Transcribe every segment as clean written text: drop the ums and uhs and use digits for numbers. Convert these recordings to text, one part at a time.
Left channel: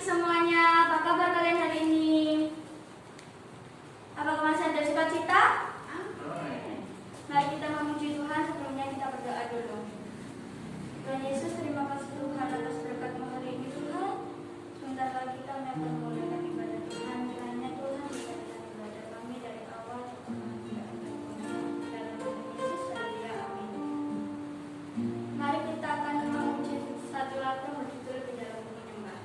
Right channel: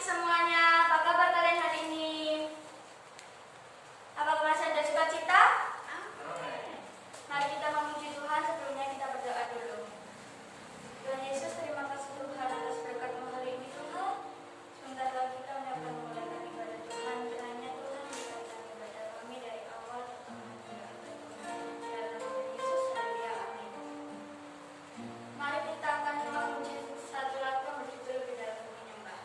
adik-adik semuanya, apa kabar kalian hari ini? Apakah masih ada sukacita? Mari kita memuji Tuhan, sebelumnya kita berdoa dulu. Tuhan Yesus, terima kasih Tuhan atas berkat-Mu hari ini Tuhan. Sebentar lagi kami akan memulaikan ibadah Tuhan. Kiranya Tuhan memberkati ibadah kami dari awal sampai akhir. Dalam nama Yesus, haleluya, amin. Mari kita akan memuji satu lagu yang berjudul Di Dalam Menyembah.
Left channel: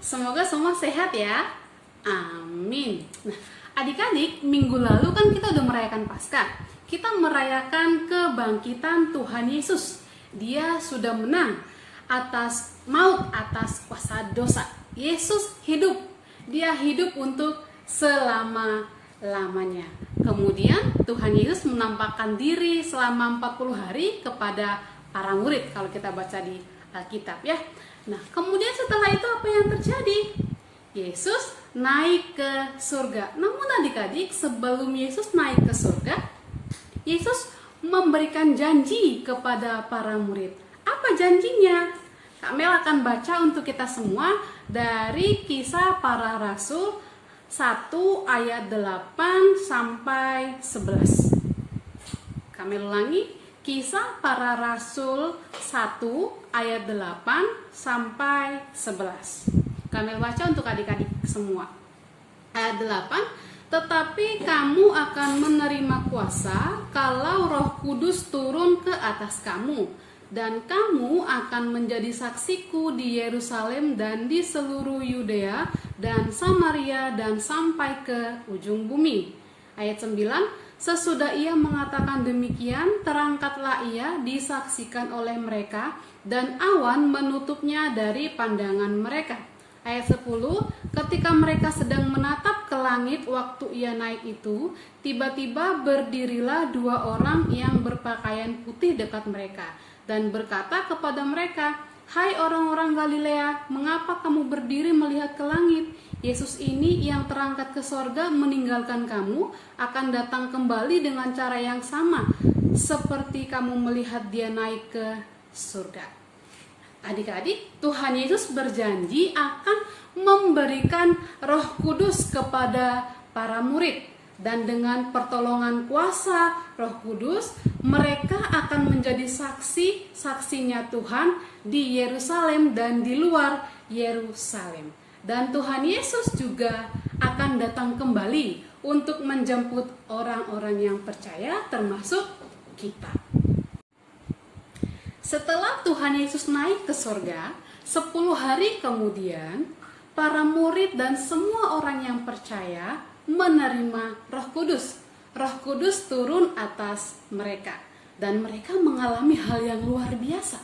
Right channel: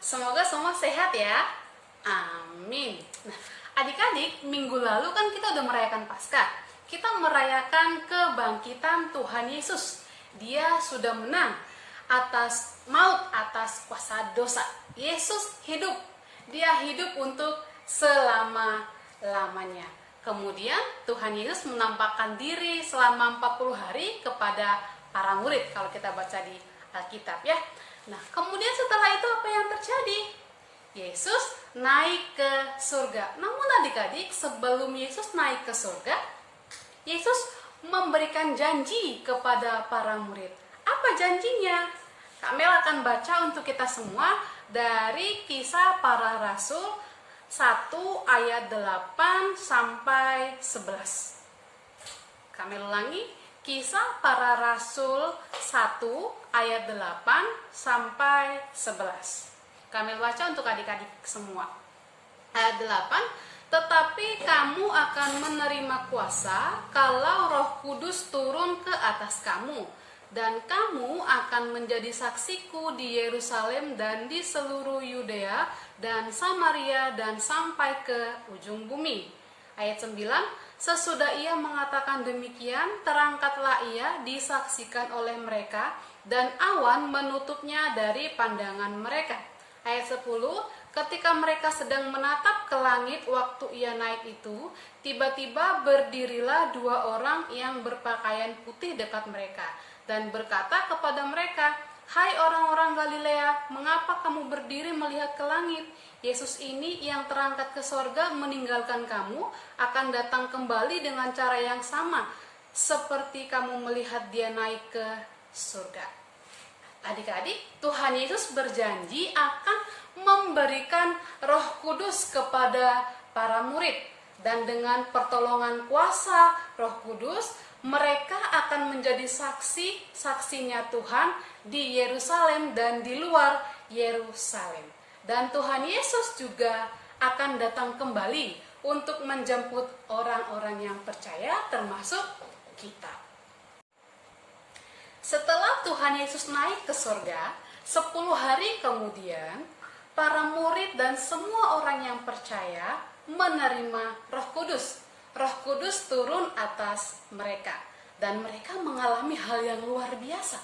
semoga semua sehat ya. Amin. Nah, adik-adik, minggu lalu kan kita udah merayakan Paskah. Kita merayakan kebangkitan Tuhan Yesus. Dia sudah menang atas maut, atas kuasa dosa. Yesus hidup. Dia hidup untuk selama-lamanya. Kemudian Tuhan Yesus menampakkan diri selama 40 hari kepada para murid kalau kita baca di Alkitab ya. Nah, kemudian setelah itu apa yang terjadi? Yesus naik ke surga. Namun adik-adik, sebelum Yesus naik ke surga, Yesus memberikan janji kepada para murid. Apa janjinya? Kak Mel akan baca untuk kita semua dari Kisah Para Rasul 1 ayat 8 sampai 11. Kak Mel ulangi, Kisah Para Rasul 1 ayat 8 sampai 11. Kak Mel baca untuk adik-adik semua. Ayat 8, tetapi kamu akan menerima kuasa kalau Roh Kudus turun ke atas kamu, dan kamu akan menjadi saksiku di Yerusalem dan di seluruh Yudea dan Samaria dan sampai ke ujung bumi. Ayat 9, sesudah ia mengatakan demikian, terangkatlah ia disaksikan oleh mereka, dan awan menutupnya dari pandangan mereka. Ayat 10, ketika mereka sedang menatap ke langit waktu ia naik itu, tiba-tiba berdirilah 2 orang yang berpakaian putih dekat mereka, dan berkata kepada mereka, hai orang-orang Galilea, mengapa kamu berdiri melihat ke langit? Yesus ini yang terangkat ke sorga meninggalkan kamu, akan datang kembali dengan cara yang sama, seperti kamu melihat dia naik ke surga. Adik-adik, Tuhan Yesus berjanji akan memberikan Roh Kudus kepada para murid. Dan dengan pertolongan kuasa Roh Kudus, mereka akan menjadi saksi-saksinya Tuhan di Yerusalem dan di luar Yerusalem. Dan Tuhan Yesus juga akan datang kembali untuk menjemput orang-orang yang percaya, termasuk kita. Setelah Tuhan Yesus naik ke surga, 10 hari kemudian, para murid dan semua orang yang percaya menerima Roh Kudus. Roh Kudus turun atas mereka, dan mereka mengalami hal yang luar biasa.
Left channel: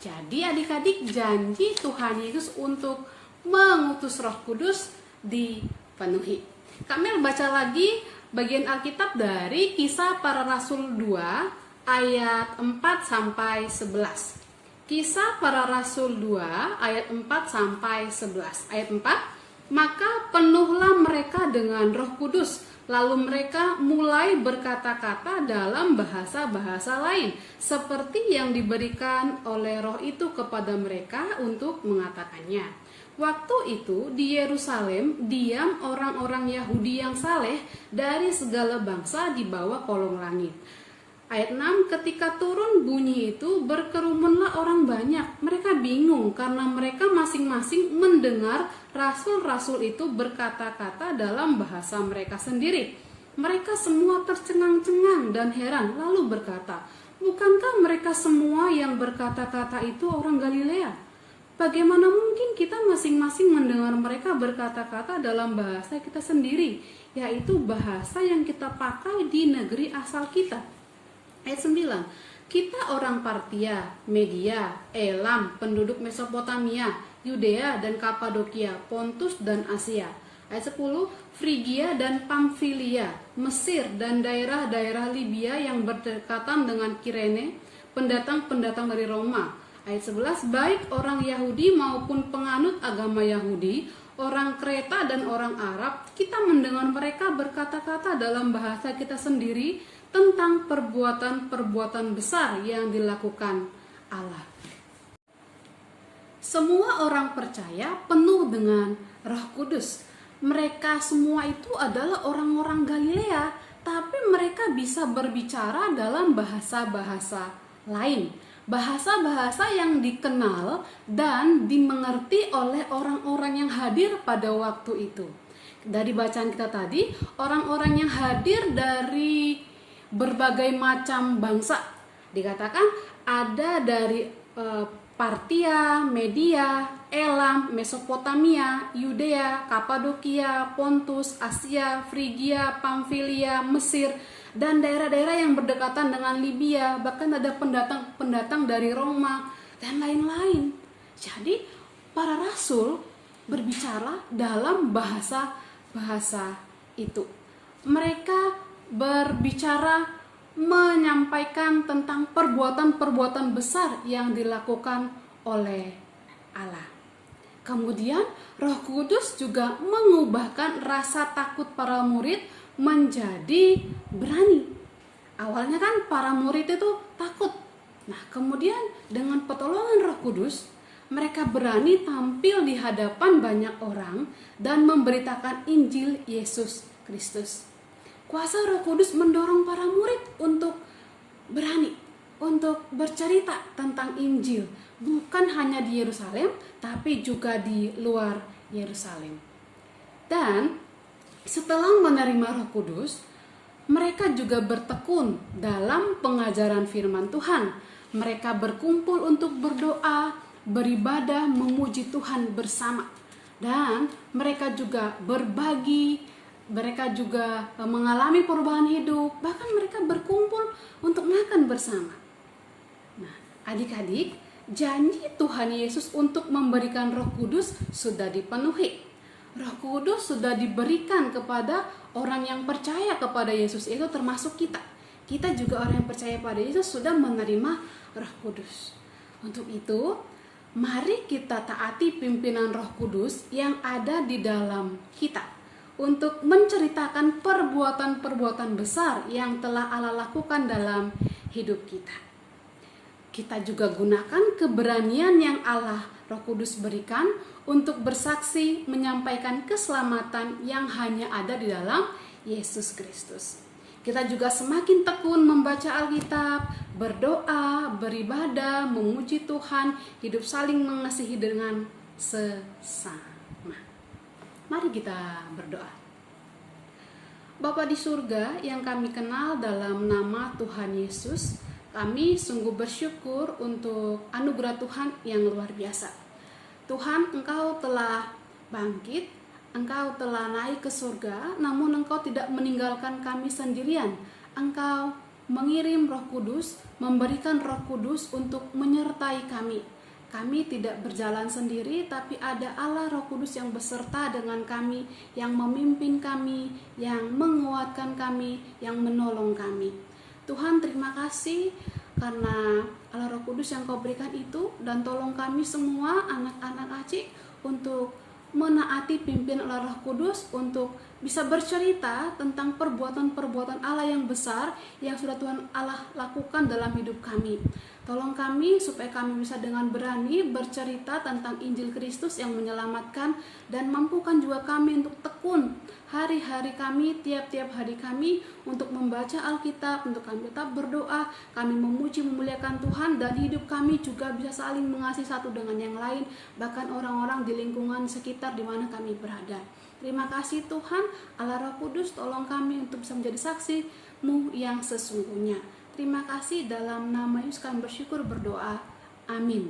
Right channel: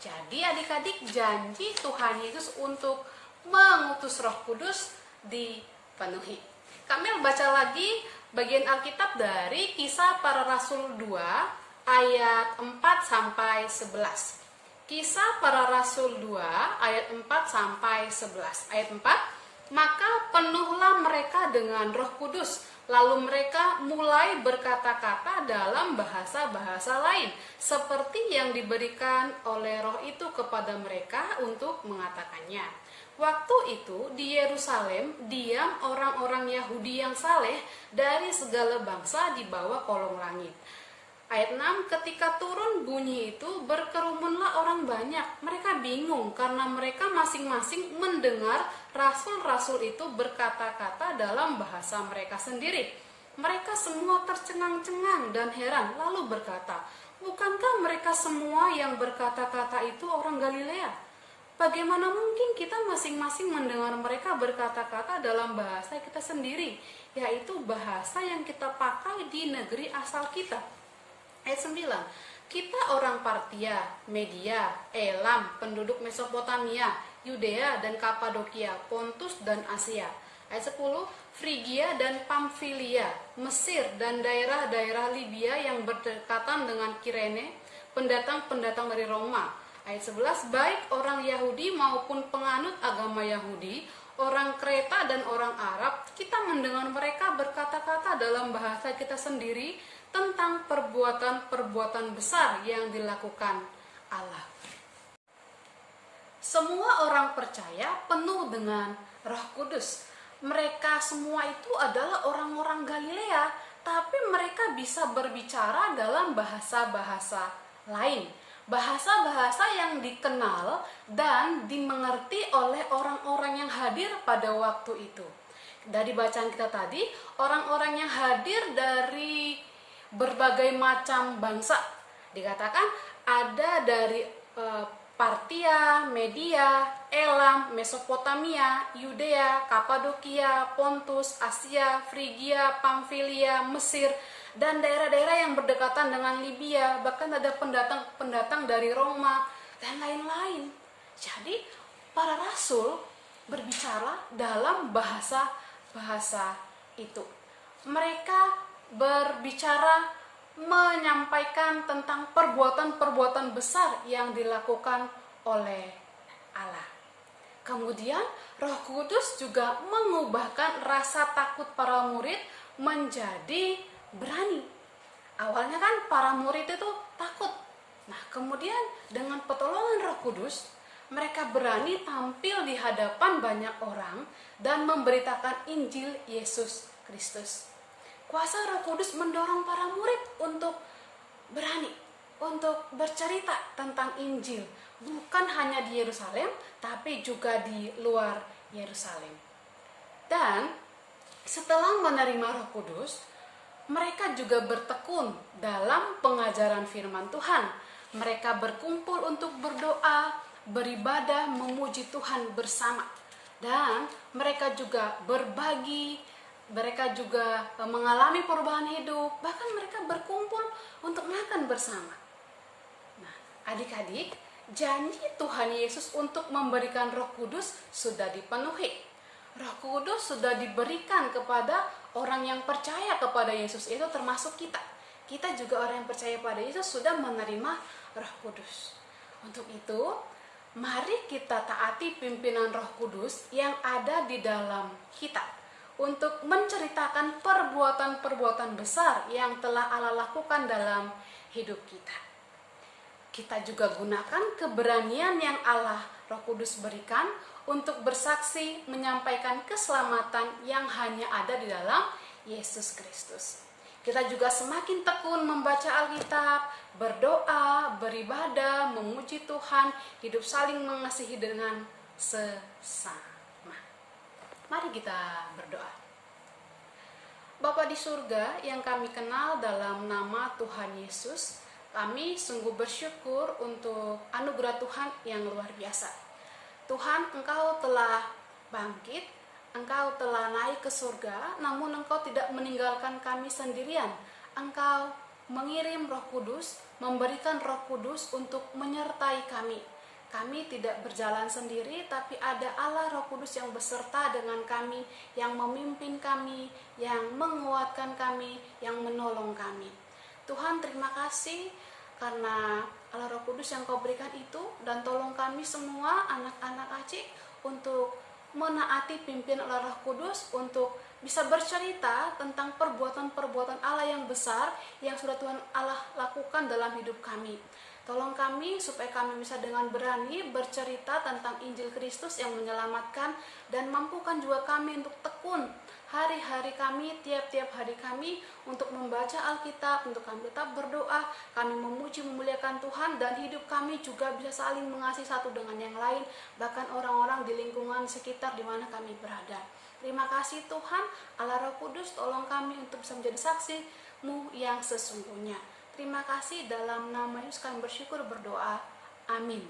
Jadi adik-adik, janji Tuhan Yesus untuk mengutus Roh Kudus dipenuhi. Kami baca lagi bagian Alkitab dari Kisah Para Rasul 2 ayat 4 sampai 11. Kisah Para Rasul 2 ayat 4 sampai 11. Ayat 4, maka penuhlah mereka dengan Roh Kudus, lalu mereka mulai berkata-kata dalam bahasa-bahasa lain, seperti yang diberikan oleh Roh itu kepada mereka untuk mengatakannya. Waktu itu di Yerusalem diam orang-orang Yahudi yang saleh dari segala bangsa di bawah kolong langit. Ayat 6, ketika turun bunyi itu, berkerumunlah orang banyak. Mereka bingung karena mereka masing-masing mendengar rasul-rasul itu berkata-kata dalam bahasa mereka sendiri. Mereka semua tercengang-cengang dan heran, lalu berkata, bukankah mereka semua yang berkata-kata itu orang Galilea? Bagaimana mungkin kita masing-masing mendengar mereka berkata-kata dalam bahasa kita sendiri, yaitu bahasa yang kita pakai di negeri asal kita? Ayat 9, kita orang Partia, Media, Elam, penduduk Mesopotamia, Yudea dan Kapadokia, Pontus dan Asia. Ayat 10, Frigia dan Pamfilia, Mesir dan daerah-daerah Libya yang berdekatan dengan Kirene, pendatang-pendatang dari Roma. Ayat 11, baik orang Yahudi maupun penganut agama Yahudi, orang Kreta dan orang Arab, kita mendengar mereka berkata-kata dalam bahasa kita sendiri tentang perbuatan-perbuatan besar yang dilakukan Allah. Semua orang percaya penuh dengan Roh Kudus. Mereka semua itu adalah orang-orang Galilea, tapi mereka bisa berbicara dalam bahasa-bahasa lain. Bahasa-bahasa yang dikenal dan dimengerti oleh orang-orang yang hadir pada waktu itu. Dari bacaan kita tadi, orang-orang yang hadir dari berbagai macam bangsa, dikatakan ada dari Partia, Media, Elam, Mesopotamia, Yudea, Kapadokia, Pontus, Asia, Frigia, Pamfilia, Mesir, dan daerah-daerah yang berdekatan dengan Libya. Bahkan ada pendatang dari Roma dan lain-lain. Jadi para rasul berbicara dalam bahasa itu. Mereka berbicara menyampaikan tentang perbuatan-perbuatan besar yang dilakukan oleh Allah. Kemudian Roh Kudus juga mengubahkan rasa takut para murid menjadi berani. Awalnya kan para murid itu takut. Nah, kemudian dengan pertolongan Roh Kudus, mereka berani tampil di hadapan banyak orang dan memberitakan Injil Yesus Kristus. Kuasa Roh Kudus mendorong para murid untuk berani, untuk bercerita tentang Injil. Bukan hanya di Yerusalem, tapi juga di luar Yerusalem. Dan setelah menerima Roh Kudus, mereka juga bertekun dalam pengajaran firman Tuhan. Mereka berkumpul untuk berdoa, beribadah, memuji Tuhan bersama. Dan mereka juga berbagi, mereka juga mengalami perubahan hidup, bahkan mereka berkumpul untuk makan bersama. Nah, adik-adik, janji Tuhan Yesus untuk memberikan Roh Kudus sudah dipenuhi. Roh Kudus sudah diberikan kepada orang yang percaya kepada Yesus, itu termasuk kita. Kita juga orang yang percaya pada Yesus sudah menerima Roh Kudus. Untuk itu, mari kita taati pimpinan Roh Kudus yang ada di dalam kita untuk menceritakan perbuatan-perbuatan besar yang telah Allah lakukan dalam hidup kita. Kita juga gunakan keberanian yang Allah Roh Kudus berikan untuk bersaksi menyampaikan keselamatan yang hanya ada di dalam Yesus Kristus. Kita juga semakin tekun membaca Alkitab, berdoa, beribadah, memuji Tuhan, hidup saling mengasihi dengan sesama. Mari kita berdoa. Bapa di surga yang kami kenal dalam nama Tuhan Yesus, kami sungguh bersyukur untuk anugerah Tuhan yang luar biasa. Tuhan, Engkau telah bangkit, Engkau telah naik ke surga, namun Engkau tidak meninggalkan kami sendirian. Engkau mengirim Roh Kudus, memberikan Roh Kudus untuk menyertai kami. Kami tidak berjalan sendiri, tapi ada Allah Roh Kudus yang beserta dengan kami, yang memimpin kami, yang menguatkan kami, yang menolong kami. Tuhan, terima kasih karena Allah Roh Kudus yang Kau berikan itu, dan tolong kami semua anak-anak Acik untuk menaati pimpinan Allah Roh Kudus, untuk bisa bercerita tentang perbuatan-perbuatan Allah yang besar yang sudah Tuhan Allah lakukan dalam hidup kami. Tolong kami supaya kami bisa dengan berani bercerita tentang Injil Kristus yang menyelamatkan, dan mampukan juga kami untuk tekun hari-hari kami, tiap-tiap hari kami untuk membaca Alkitab, untuk kami tetap berdoa, kami memuji memuliakan Tuhan, dan hidup kami juga bisa saling mengasihi satu dengan yang lain, bahkan orang-orang di lingkungan sekitar di mana kami berada. Terima kasih Tuhan, Allah Roh Kudus, tolong kami untuk bisa menjadi saksi-Mu yang sesungguhnya. Terima kasih, dalam nama Yesus kami bersyukur berdoa. Amin.